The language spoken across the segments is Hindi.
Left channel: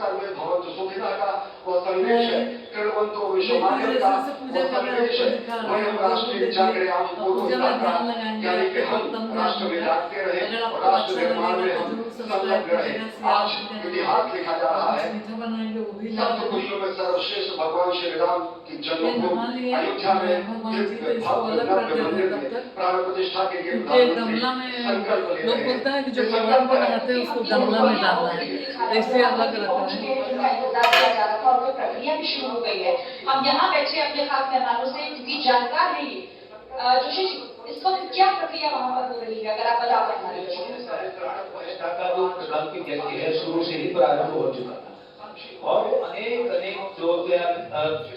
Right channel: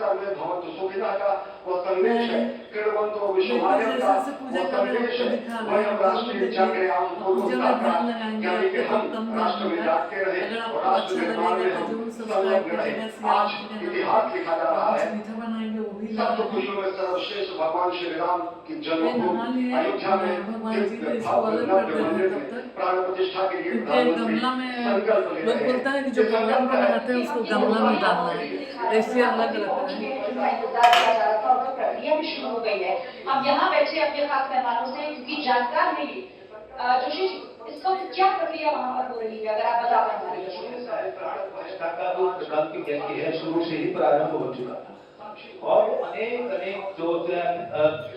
सर्वे भवन्तु सुखिनः का वो संदेश है, कृण्वन्तो विश्वमानव का वो संदेश है। वही हम राष्ट्रीय जागरण पूर्वता का यानी कि हम राष्ट्र में जागते रहे और राष्ट्र निर्माण में हम संलग्न रहे। आज इतिहास लिखा जा रहा है। सप्त खुशियों में सर्वश्रेष्ठ भगवान श्री राम की जन्मभूमि अयोध्या में दिव्य भव्य नव्य मंदिर में प्राण प्रतिष्ठा के लिए गमला में लोग बोलता है कि जो भगवान को लगाते हैं उसको गमला में डालना है, ऐसे अलग रखना है। प्रक्रिया भी शुरू हो गई है। हम यहाँ बैठे अपने खास मेहमानों से क्योंकि जानकार है ये जोशी जी, इसको क्या प्रक्रिया वहाँ पर हो रही है, अगर आप बता पाए हमारे शुरू से ही प्रारंभ हो चुका था और अनेक जो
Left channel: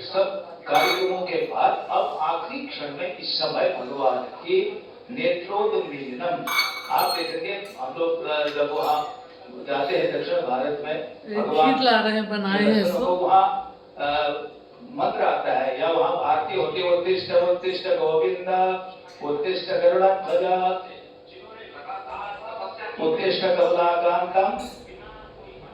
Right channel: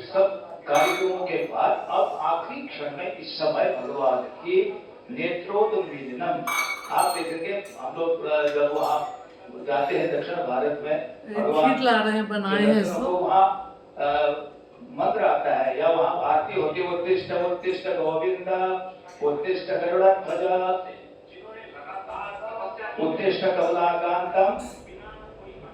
सब कार्यक्रमों के बाद अब आखिरी क्षण में इस समय भगवान के नेत्रोन्मीलनम आप देखेंगे। हम लोग जब वहाँ जाते हैं दक्षिण भारत में भगवान ला रहे हैं बनाए हैं इसको, वहाँ मंत्र आता है या वहाँ आरती होती है, उत्तिष्ठ उत्तिष्ठ गोविंद उत्तिष्ठ गरुड़ध्वज उत्तिष्ठ कमलाकांतम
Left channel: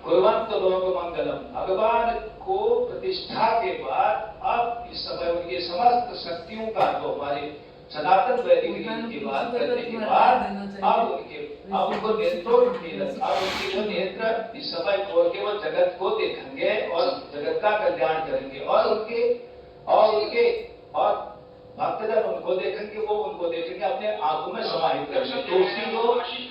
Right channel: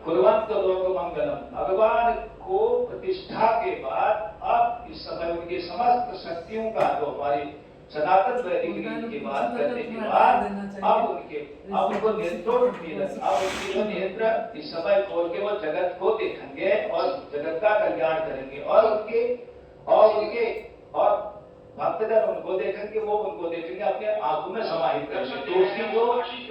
कुर्वन्तु लोक मंगलम। भगवान को प्रतिष्ठा के बाद अब इस समय उनके समस्त शक्तियों का जो हमारी सनातन वैदिक रीति की बात करने के बाद अब उनको नेत्रोन्मीलन, अब उनके जो नेत्र इस समय खोल के वो जगत को देखेंगे और जगत का कल्याण करेंगे और उनके भक्तजन उनको देखेंगे, वो उनको देखेंगे, अपने आंखों में समाहित करेंगे। तो उसकी जो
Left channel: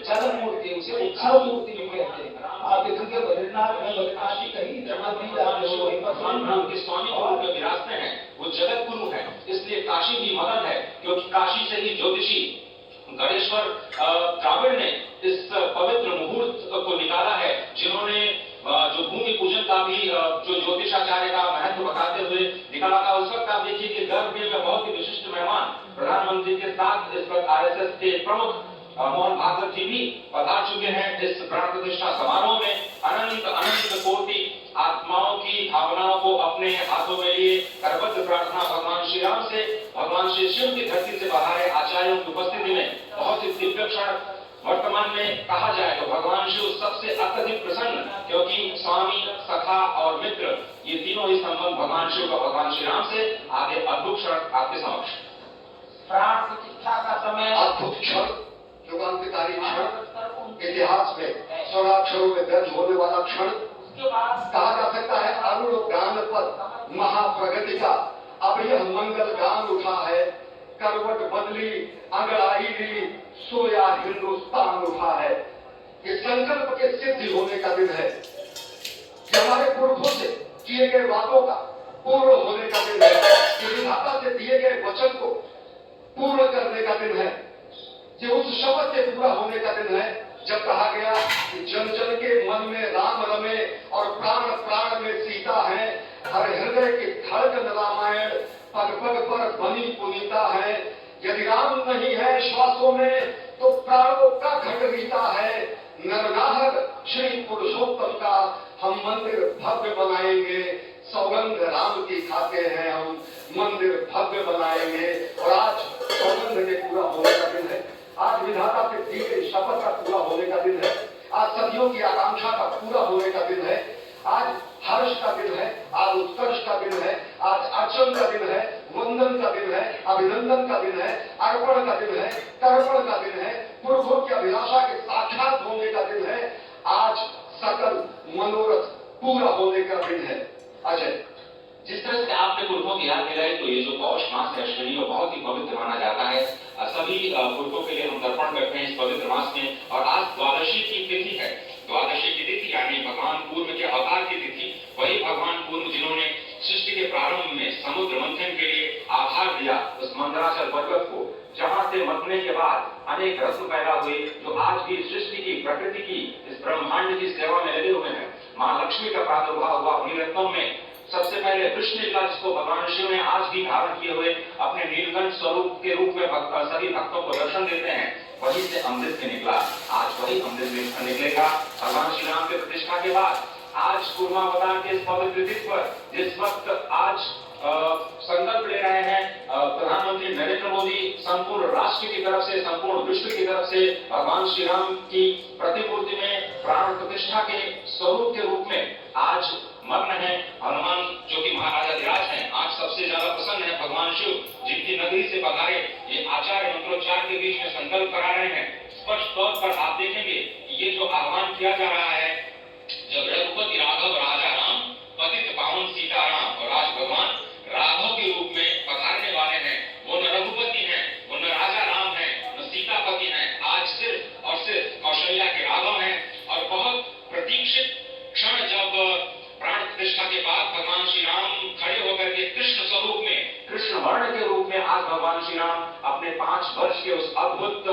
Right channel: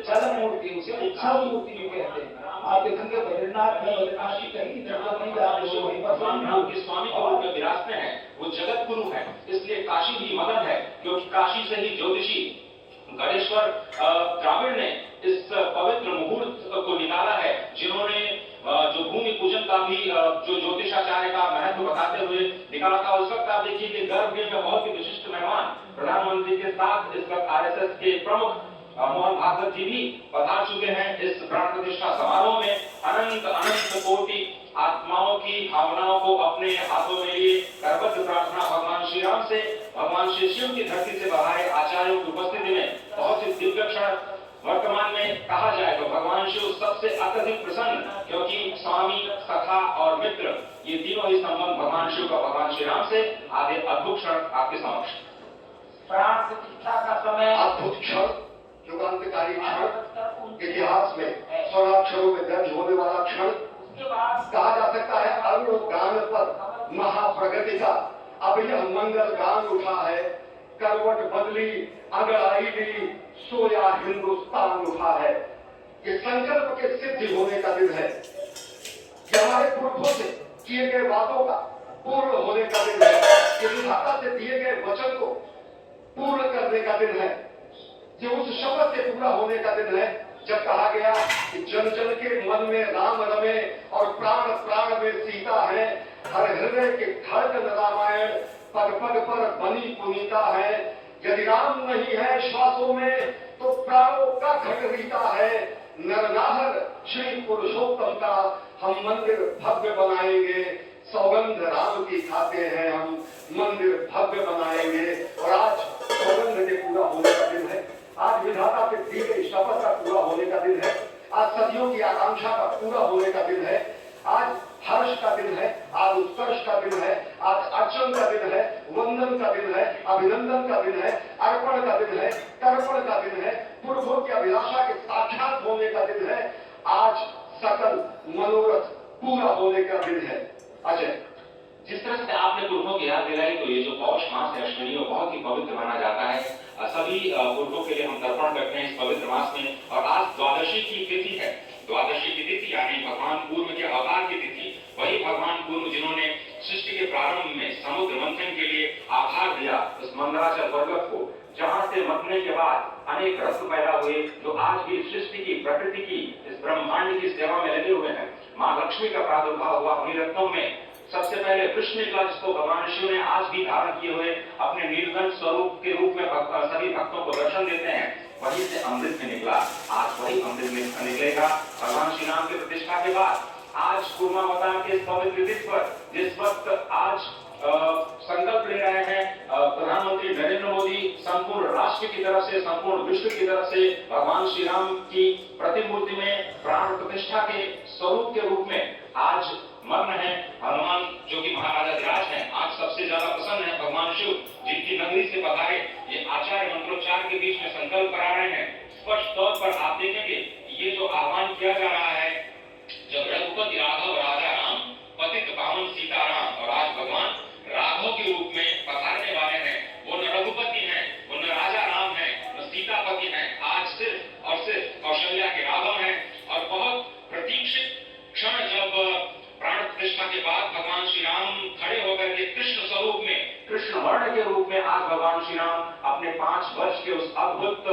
चलन मूर्ति उसे उत्सव मूर्ति भी कहते हैं। आप देखेंगे बद्रीनाथ में बद्रीनाथ की कहीं जगह नहीं जाते हो, भगवान राम के स्वामी के रूप में विराजते हैं, वो जगत गुरु है। इसलिए काशी भी मगन है क्योंकि काशी से ही ज्योतिषी गणेश्वर द्राविड़ ने इस पवित्र मुहूर्त को निकाला है, जिन्होंने जो भूमि पूजन का भी जो ज्योतिषाचार्य का महत्व बताते हुए निकाला था। उस वक्त आप देखिए कि गर्भगृह में बहुत ही विशिष्ट मेहमान प्रधानमंत्री के साथ इस वक्त आरएसएस के प्रमुख मोहन भागवत जी भी पधार चुके हैं। इस प्राण प्रतिष्ठा समारोह में अनंत अनंत कोटि आत्माओं की भावनाओं को अपने हाथों में लिए करबद्ध प्रार्थना भगवान श्री राम से, भगवान श्री शिव की धरती से बहारे आचार्यों की उपस्थिति में बहुत ही दिव्य क्षण। वर्तमान में कहा जाए तो भगवान शिव सबसे अत्यधिक प्रसन्न, क्योंकि स्वामी, सखा और मित्र ये तीनों ही संबंध भगवान शिव का भगवान श्री राम से आगे अद्भुत क्षण आपके समक्ष। प्राण प्रतिष्ठा का समय अद्भुत क्षण, युगांतकारी क्षण, इतिहास में 16 अक्षरों में दर्ज होने वाला क्षण कहा जा सकता है। अरुण गान पर महाप्रगति का अब यह मंगल गान उठा है, करवट बदली अंगड़ाई ली, सोया हिंदुस्तान उठा है। ये संकल्प के सिद्धि होने का दिन है, ये हमारे पुरखों से किए गए वादों का पूर्ण होने का दिन है, ये विधाता से दिए गए वचन को पूर्ण करने का दिन है, ये उस शपथ के पूरा होने का दिन है जब कहा गया कि जन जन के मन में राम रमे और प्राण प्राण में सीता है। हर हृदय की धड़कन रामायण पग पग पर बनी पुनीता है। यदि राम नहीं है श्वासों में तो प्राणों का घटरीता है। नरनाहर श्री पुरुषोत्तम का हम मंदिर भव्य बनाएंगे, सौगंध राम की खाते हैं हम, मंदिर भव्य बनाएंगे। और आज सौगंध के पूरा होने का दिन है, आज विधाता से दी गई शपथ का पूरा होने का दिन है, आज सदियों की आकांक्षा का पूरा होने का दिन है, आज हर्ष का दिन है, आज उत्कर्ष का दिन है, आज अर्चन का दिन है, वंदन का दिन है, अभिनंदन का दिन है, अर्पण का दिन है, तर्पण का दिन है, पुरखों की अभिलाषा के साक्षात होने का दिन है, आज सकल मनोरथ पूरा होने का दिन है। अजय, जिस तरह से आपने पुरखों की याद दिलाई, तो ये जो पौष मास है अश्विनी बहुत ही पवित्र माना जाता है। सभी पुरखों के लिए हम तर्पण करते हैं इस पवित्र मास में। और आज द्वादशी की तिथि है, द्वादशी की तिथि यानी भगवान पूर्व के अवतार की तिथि। वही भगवान पूर्व जिन्होंने सृष्टि के प्रारंभ में समुद्र मंथन के लिए आभार दिया उस मंदराचल पर्वत को, जहाँ से मतने के बाद अनेक रत्न पैदा हुए, जो आज भी सृष्टि की, प्रकृति की, इस ब्रह्मांड की सेवा में लगे हुए हैं। माँ लक्ष्मी का प्रादुर्भाव हुआ उन्हीं रत्नों में। सबसे पहले कृष्ण निकला, जिसको भगवान शिव ने आज भी धारण किए हुए अपने नीलकंठ स्वरूप के रूप में सभी भक्तों को दर्शन देते हैं। वहीं से अमृत में निकला, आज वही अमृत निकलेगा भगवान श्री राम की प्रतिष्ठा के बाद। आज कूर्मावतार के इस पवित्र तिथि पर जिस वक्त आज संकल्प ले रहे हैं प्रधानमंत्री नरेंद्र मोदी, संपूर्ण राष्ट्र की तरफ से, संपूर्ण विश्व की तरफ से भगवान श्री राम की प्रतिमूर्ति में प्राण प्रतिष्ठा के स्वरूप के रूप में आज बीच में संकल्प करा रहे हैं। स्पष्ट तौर पर आप देखेंगे कि ये जो आह्वान किया जा रहा है, जब रघुपति राघव राजा राम, पतित पावन सीताराम, और आज भगवान राघव के रूप में पधारने वाले हैं। वो न रघुपति हैं, वो न राजा राम हैं, न सीतापति हैं, आज सिर्फ और सिर्फ कौशल्या के राघव हैं। और बहुत प्रतीक्षित क्षण जब प्राण प्रतिष्ठा के बाद भगवान श्री राम खड़े होकर के कृष्ण स्वरूप में, कृष्ण वर्ण के रूप में आज भगवान श्री राम अपने 5 वर्ष के उस अद्भुत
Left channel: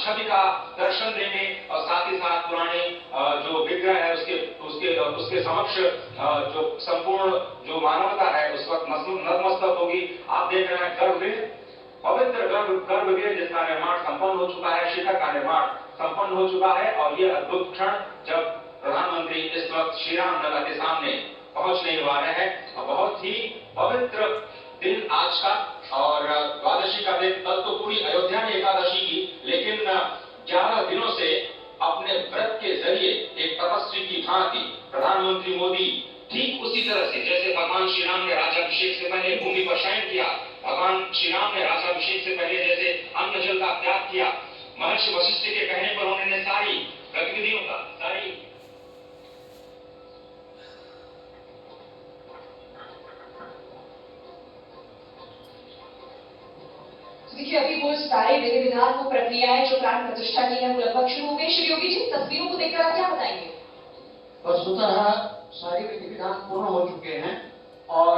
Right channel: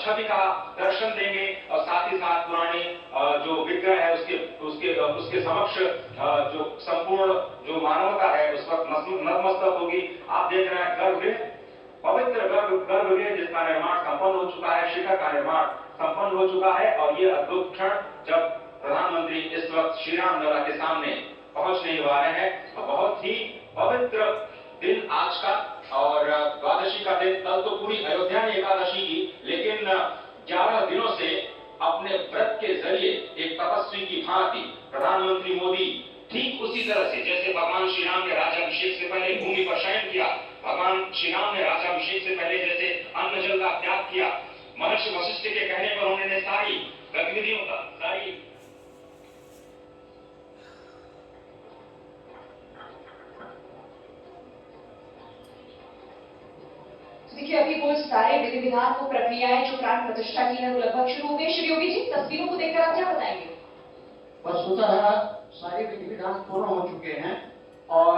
छवि का दर्शन देंगे, और साथ ही साथ पुराने जो विग्रह है उसके समक्ष जो संपूर्ण जो मानवता है उस वक्त नतमस्तक होगी। आप देख रहे हैं गर्भगृह, पवित्र गर्भगृह जिसका निर्माण संपन्न हो चुका है, शिखर का निर्माण संपन्न हो चुका है। और ये अद्भुत क्षण जब प्रधानमंत्री इस वक्त श्री राम लला के सामने पहुंचने वाले हैं, बहुत ही पवित्र दिन आज का। और द्वादशी का दिन, कल तो पूरी अयोध्या ने एकादशी की, लेकिन 11 दिनों से अपने व्रत के जरिए एक तपस्वी की भांति प्रधानमंत्री मोदी ठीक उसी तरह से जैसे भगवान श्री राम ने राज्याभिषेक से पहले भूमि पर शयन किया, भगवान श्री राम ने राज्याभिषेक से पहले जैसे अन्न जल का त्याग किया, महर्षि वशिष्ठ के कहने पर उन्होंने सारी गतिविधियों का देखिए, अभी वो सारे विधि विधान को प्रक्रियाएं जो प्राण प्रतिष्ठा की है वो लगभग शुरू हो गई। श्री योगी जी, तस्वीरों को देखकर आप क्या बताएंगे? वस्तुतः सारे विधि विधान पूर्ण हो चुके हैं और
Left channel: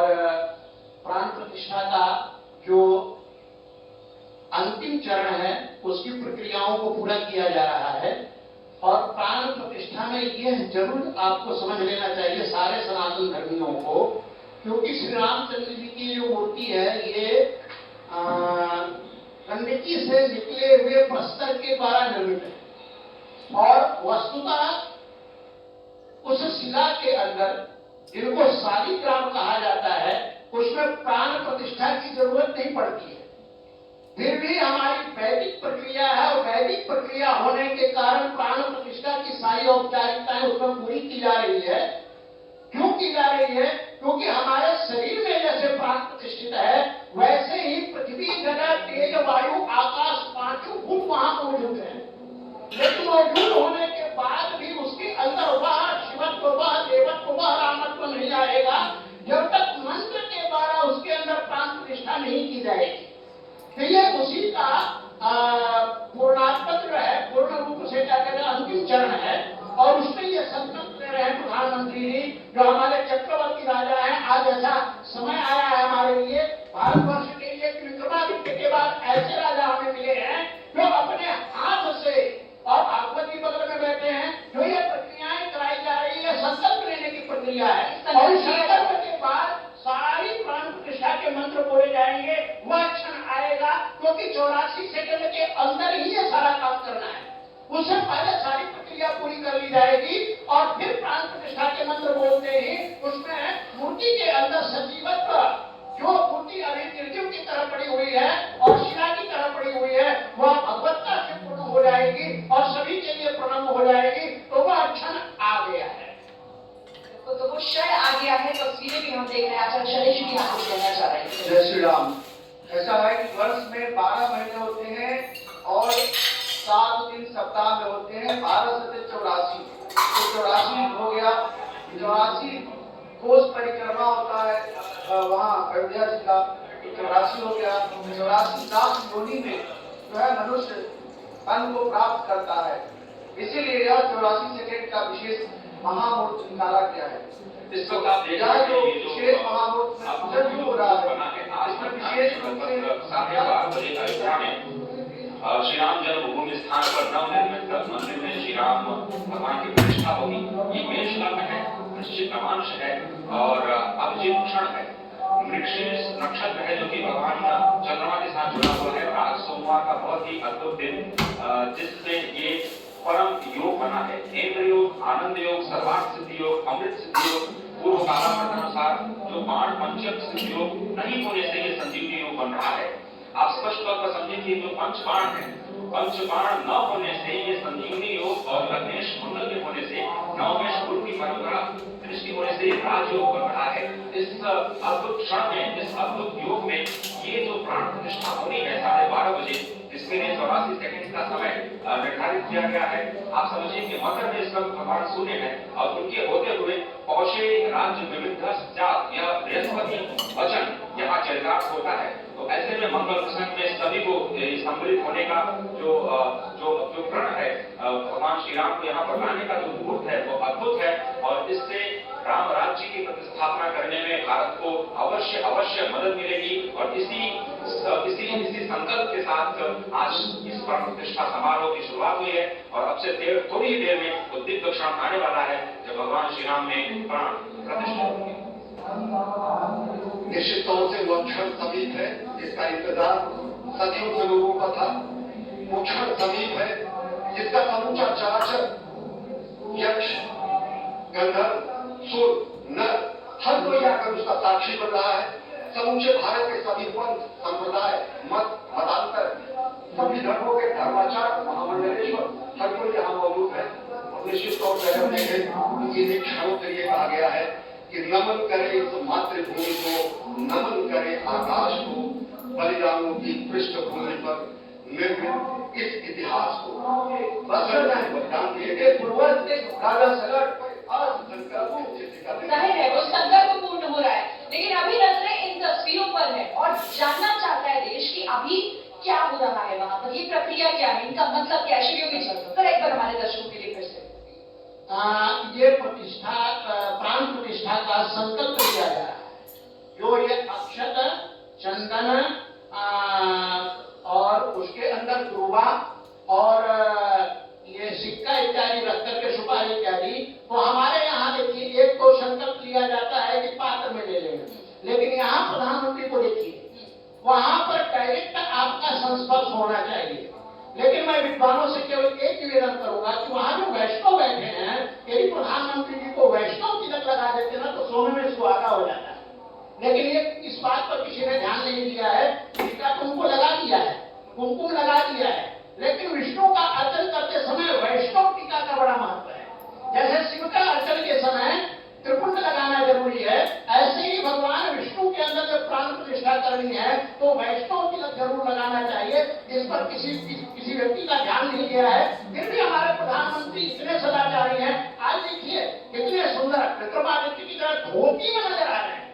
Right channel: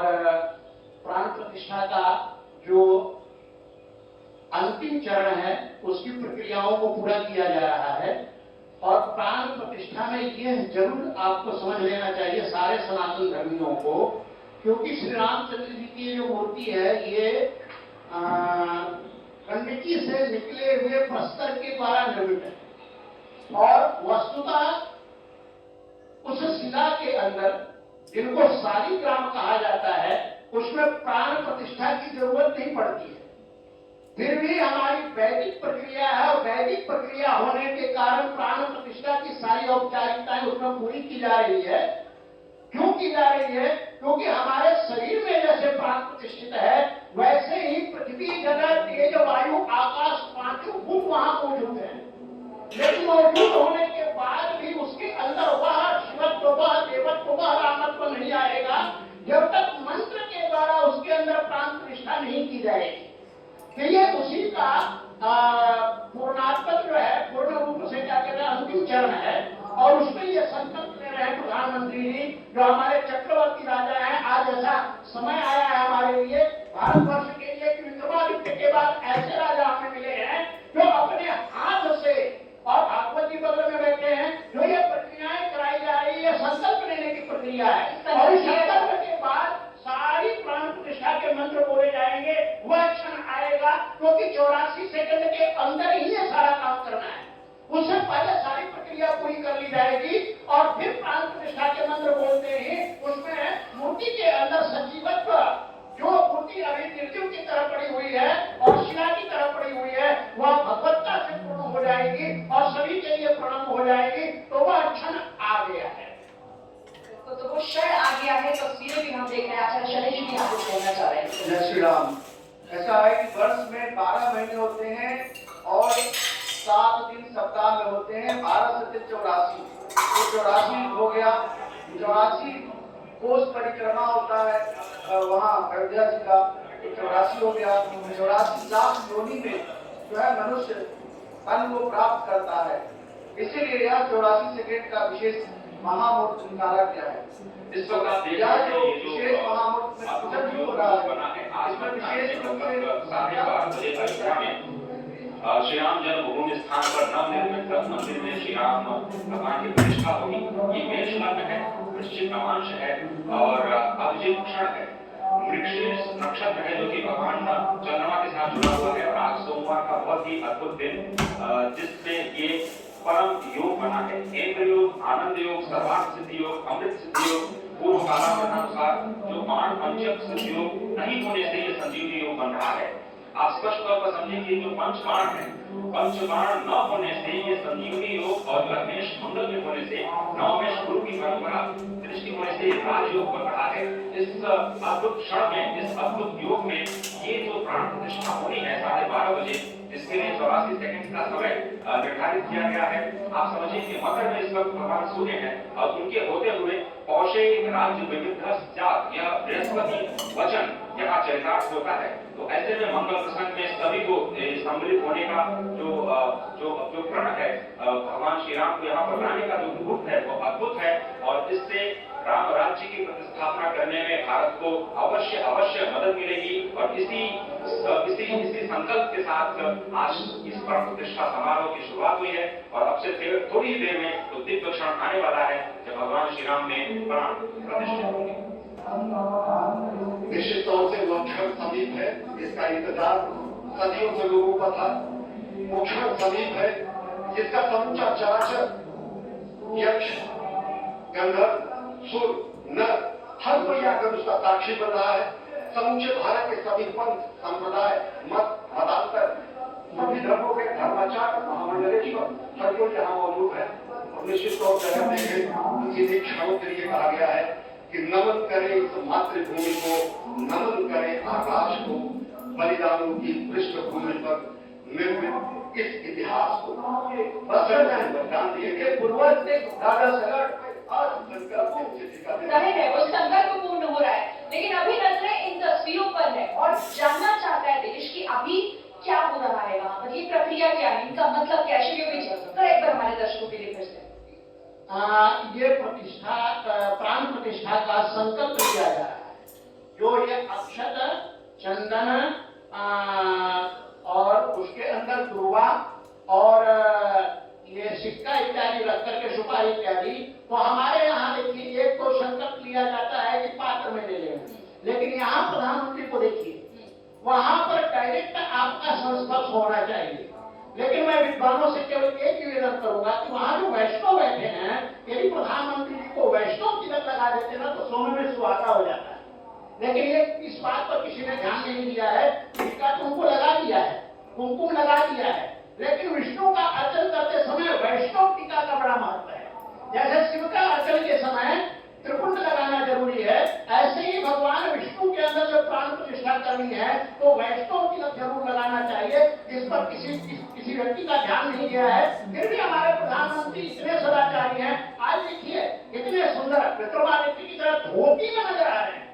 प्राण प्रतिष्ठा का जो अंतिम चरण है उसकी प्रक्रियाओं को पूरा किया जा रहा है। और प्राण प्रतिष्ठा में यह जरूर आपको समझ लेना चाहिए सारे सनातन धर्मियों को, क्योंकि श्री रामचंद्र जी की जो मूर्ति है ये गंडकी से निकले हुए प्रस्तर के द्वारा निर्मित है। और वस्तुतः उस शिला के अंदर, जिनको शालिग्राम कहा जाता है, उसमें प्राण प्रतिष्ठा की जरूरत नहीं पड़ती है। फिर भी हमारी वैदिक प्रक्रिया है और वैदिक प्रक्रिया होने के कारण प्राण प्रतिष्ठा की सारी औपचारिकताएं उसमें पूरी की जा रही है। क्यों की जा रही है? क्योंकि हमारे शरीर में जैसे प्राण प्रतिष्ठित है, वैसे ही पृथ्वी, जगह, तेज, वायु, आकाश, पांचों भूत वहां मौजूद है। लेकिन मौजूद होने के बाद भी उसके अंदर वह शिवत्व, वह देवत्व, वह रामत्व नहीं आएगा जब तक मंत्र के द्वारा उसके अंदर प्राण प्रतिष्ठा नहीं की जाएगी। तो ये उसी का पूर्णात्मक जो है, पूर्ण रूप से क्या कहते हैं, अंतिम चरण है। और उसमें ये संकल्प ले रहे हैं प्रधानमंत्री जी, जो हमारे चक्रवर्ती राजा हैं। आज ऐसा समय आया है हमारे लिए, भारतवर्ष के लिए, कि विक्रमादित्य के बाद ऐसे राजा हमें मिले हैं जो अपने हाथ से, और भागवत जी बगल में बैठे हैं, जो ये प्रक्रियाएं कराई जा रही है, संकल्प लेने की प्रक्रिया है। और इस संकल्प के बाद सारी प्राण प्रतिष्ठा के मंत्र बोले जाएंगे। वह क्षण आएगा, क्योंकि 84 सेकंड के अंदर ही ये सारा काम करना है। उससे पहले सारी प्रक्रिया पूरी कर ली जाएगी और फिर प्राण प्रतिष्ठा के मंत्र बोलते ही उसमें मूर्ति के अंदर सजीवत्व, जो मूर्ति अभी निर्जीव की तरह पड़ी हुई है और शिला की तरह पड़ी हुई है, वह भगवत्ता से पूर्ण हो जाएगी और सभी के लिए प्रणम हो जाएगी। तो वह क्षण आ गया है। तो वो क्षण आ गया है। तस्वीरें भी हम देख रहे हैं। आचार्य शैलेश भी यहाँ कुछ कहना चाह रहे हैं। जय श्री राम। ऐसा है कि वर्ष में 12 महीने होते हैं और 7 दिन सप्ताह में होते हैं। 12 से 84, तो 84 हो गया। 84 कोस परिक्रमा होता है वहाँ अयोध्या जी का, 84 हो गया। 84 लाख योनि में जो है मनुष्य फल को प्राप्त करता है। इसीलिए यह 84 सेकेंड का विशेष महामूर्त निकाला गया है। इस वक्त आप देख यह रहे जो हैं ये जो विशेष महामूर्त में पूजन जो हो रहा है, इसमें विशेष रूप से 12:30 बजे अयोध्या में श्री राम जन्मभूमि स्थान पर नवनिर्मित मंदिर में श्री राम भगवान की प्रतिष्ठा होगी। ये मेष लग्न है, वृश्चिक नवांश है और अभिजीत क्षण है। मृगशीर्ष नक्षत्र है जो कि भगवान चंद्रमा के साथ जुड़ा हुआ है। और आज सोमवार का बहुत ही अद्भुत दिन, जिसमें ये परम योग बना है। इंद्र योग, आनंद योग, सर्वार्थ सिद्धि योग, अमृत सिद्धि योग, पूर्व कालानुसार जो बाण पंचक सिद्धि योग नहीं होने से ये संजीवनी योग बन रहा है। आप स्पष्ट तौर पर समझें कि जो पंचबाण है, पंचबाण न होने से ये संजीवनी योग और लग्नेश कुंडल के होने से, नवमेश गुरु की परंपरा दृष्टि होने से से राजयोग बन रहा है। इस अद्भुत क्षण में, इस अद्भुत योग में ये जो प्राण प्रतिष्ठा होनी है 12:30 बजे, इसके लिए 84 सेकंड का समय निर्धारित किया गया है। आप समझिए कि मकर में इस वक्त भगवान सूर्य है और उनके होते हुए पौषे राज्य विविध यह बृहस्पति वचन यहाँ चरितार्थ होता है। तो ऐसे में मंगल प्रसंग में सभी को सम्मिलित होने का जो प्रण है, भगवान श्री राम को यहाँ पर लाने का जो मुहूर्त है वो अद्भुत है और इससे राम राज्य की प्रतिस्थापना करने में भारत को अवश्य मदद मिलेगी। और इसी संकल्प के साथ आज इस प्राण प्रतिष्ठा समारोह की शुरुआत हुई है और अब से थोड़ी ही देर में तो दिव्य क्षण आने वाला है जब भगवान श्री राम में प्राण प्रतिष्ठा होंगे। निश्चित तौर से वह क्षण समीप है, जिसका इंतजार सदियों से लोगों का था। वो क्षण समीप है जिसका समूचा चराचर, यक्ष, गंधर्व, सुर, नर, हर कोई आकर उसका साक्षी बन रहा है। समूचे भारत के सभी पंथ, संप्रदाय, मत, मतांतर, सभी धर्मों के धर्माचार्य, महामंडलेश्वर, हर कोई यहाँ मौजूद है। और निश्चित तौर से हम देखें इन्हीं क्षणों के लिए कहा गया है कि नमन करे इस मातृभूमि को, नमन करे आकाश को, बलिदानों की पृष्ठभूमि पर निर्मित इस इतिहास को। बलिदान दिए गए पूर्वज राजा सगट जाहिर है वो संकल्प पूर्ण हो रहा है, लेकिन अभी नजरें इन तस्वीरों पर है और जानना चाहता है देश कि अभी क्या हो रहा है वहां पर, ये प्रक्रिया क्या है, इनका मतलब क्या है। भी चल सर एक बार हमारे दर्शकों के लिए फिर से ये प्रतिष्ठा, प्राण प्रतिष्ठा का संकल्प लिया जा रहा है। जो ये अक्षत, चंदन और उसके अंदर दुर्वा और ये सिक्का इत्यादि रख करके सुपारी इत्यादि, तो हमारे यहाँ देखिए एक तो संकल्प लिया जाता है कि पात्र में ले लेना, लेकिन यहाँ प्रधानमंत्री को देखिए वहां पर डायरेक्ट आपका संस्पर्श होना चाहिए। लेकिन मैं विद्वानों से केवल एक निवेदन करूंगा कि वहां जो वैष्णव बैठे हैं, यदि प्रधानमंत्री जी को वैष्णव तिलक लगा देते ना तो सोने में सुहागा हो जाता है। लेकिन ये इस बात पर किसी ने ध्यान नहीं दिया है। टीका तो उनको लगा दिया है, कुमकुम लगा दिया है, लेकिन विष्णु का अर्चन करते समय वैष्णव टीका का बड़ा महत्व है। जैसे शिव का अर्चन के समय त्रिपुंड लगाना जरूरी है, ऐसे ही भगवान विष्णु के अंदर जब प्राण प्रतिष्ठा करनी है तो वैष्णव तिलक जरूर लगाना चाहिए, जिस पर किसी व्यक्ति का ध्यान नहीं गया है। फिर भी हमारे प्रधानमंत्री इतने सदाचारी हैं। आज देखिए कितने सुंदर विक्रमादित्य की तरह धोती में नजर आ रहे हैं,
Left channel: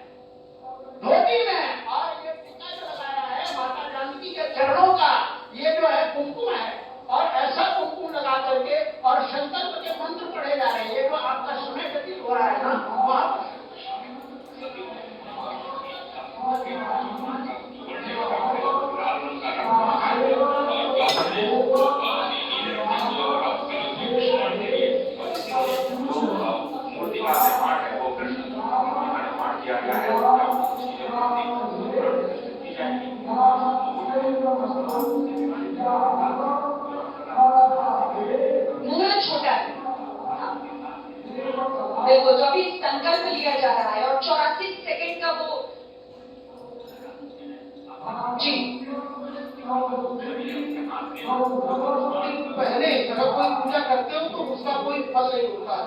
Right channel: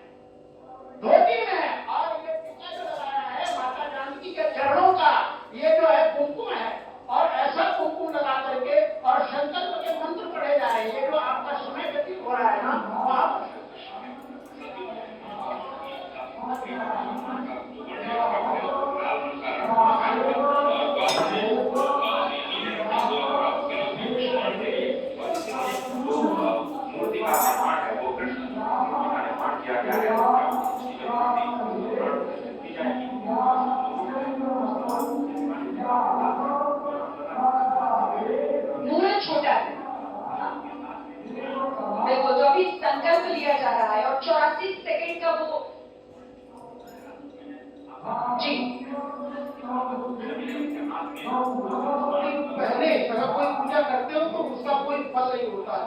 धोती में, और ये टीका जो लगाया है माता जानकी के चरणों का, ये जो है कुमकुम है, और ऐसा कुमकुम लगा करके और संकल्प के मंत्र पढ़े जा रहे हैं। ये जो आपका समय व्यतीत हो रहा है ना, वहां मूर्ति का निर्माण है वो कृष्ण का निर्माण किया गया है। मुहूर्त छोटा है, देखो जो अभी संकल्प लिया जा रहा है और 84 सेकंड का वो जी पहले अगर कोई पूजा करते हो तो उसका कोई फल नहीं होता है।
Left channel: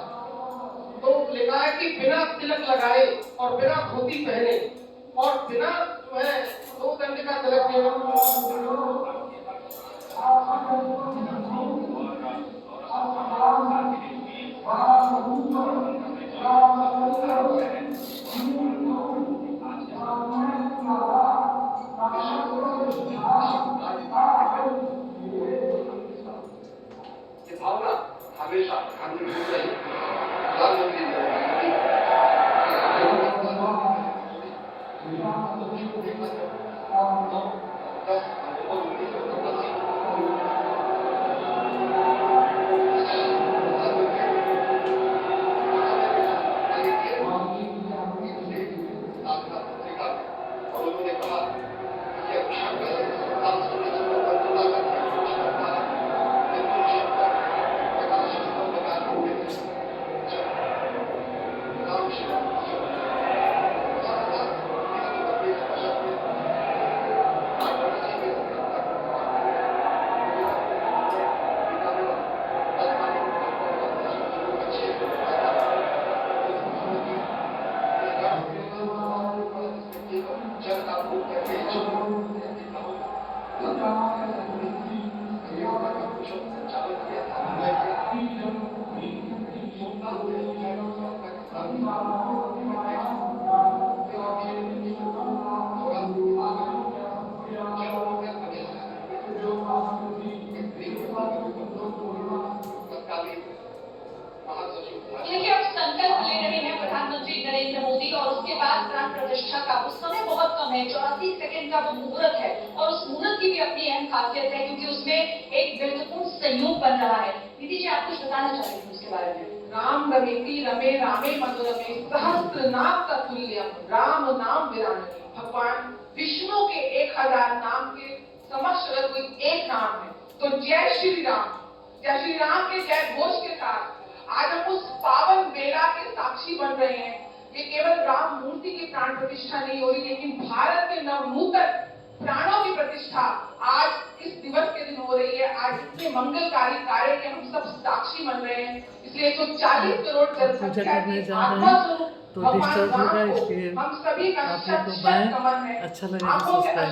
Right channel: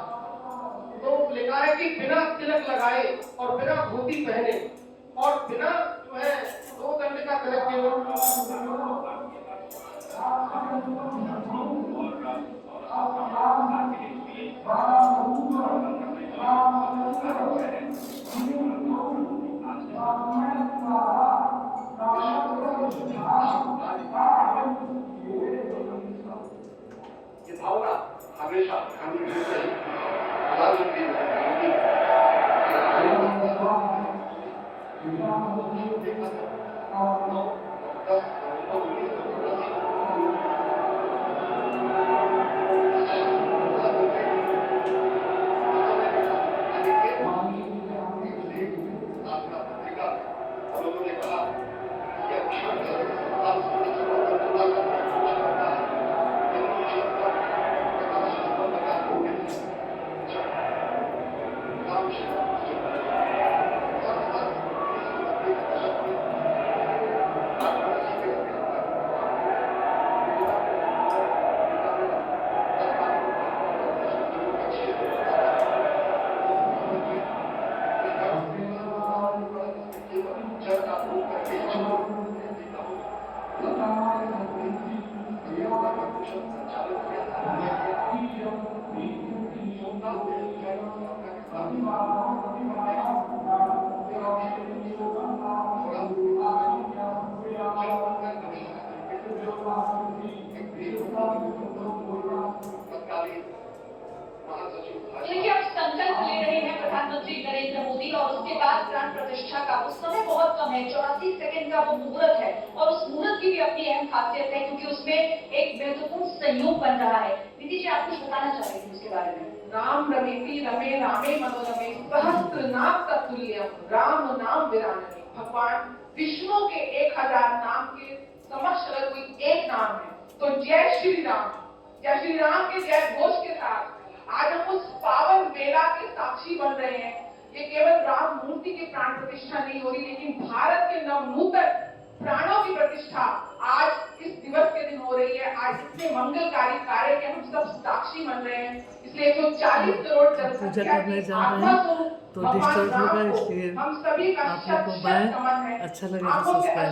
तो लिखा है कि बिना तिलक लगाए और बिना धोती पहने और बिना जो है 2 दंड का तिलक ये भावना हमेशा प्रधानमंत्री देखिए अब संकल्प ले रहे हैं प्रधानमंत्री नरेंद्र मोदी और उसके बाद प्राण प्रतिष्ठा का उस समय बहुत कम है, 84 सेकंड का वो मुहूर्त है और उस मुहूर्त की भी अपनी अहम खासियत है क्योंकि उसमें एक महत्वपूर्ण संयोग बन रहा है। दीदी जी आप कुछ बताना चाह रहे थे उसके बारे में? राम रमेति रमे रामे मनोरमे सहस्त्र नाम तत्तुल्यम राम नाम विरानने। भगवान विष्णु के 1000 नाम के समक्ष अगर कोई एक नाम है तो जय श्री राम के जय घोष के साथ आज हम उस पावन बेला के साक्षी बन रहे हैं। ये केवल राम मूर्ति की प्राण प्रतिष्ठा नहीं हो रही लेकिन भारत के नवनूतन प्राणों की प्रतिष्ठा आज इस दिवस के दिन हो रही है। आज इतने मंगलकारी कार्य के हम सब साक्षी बन रहे हैं, इसलिए 140 करोड़ पूजा करने जा रहे हैं तो डिस्टर्ब होगा, इसलिए हम सभी का आप लोग को बाय। अच्छा लगे तो सब्सक्राइब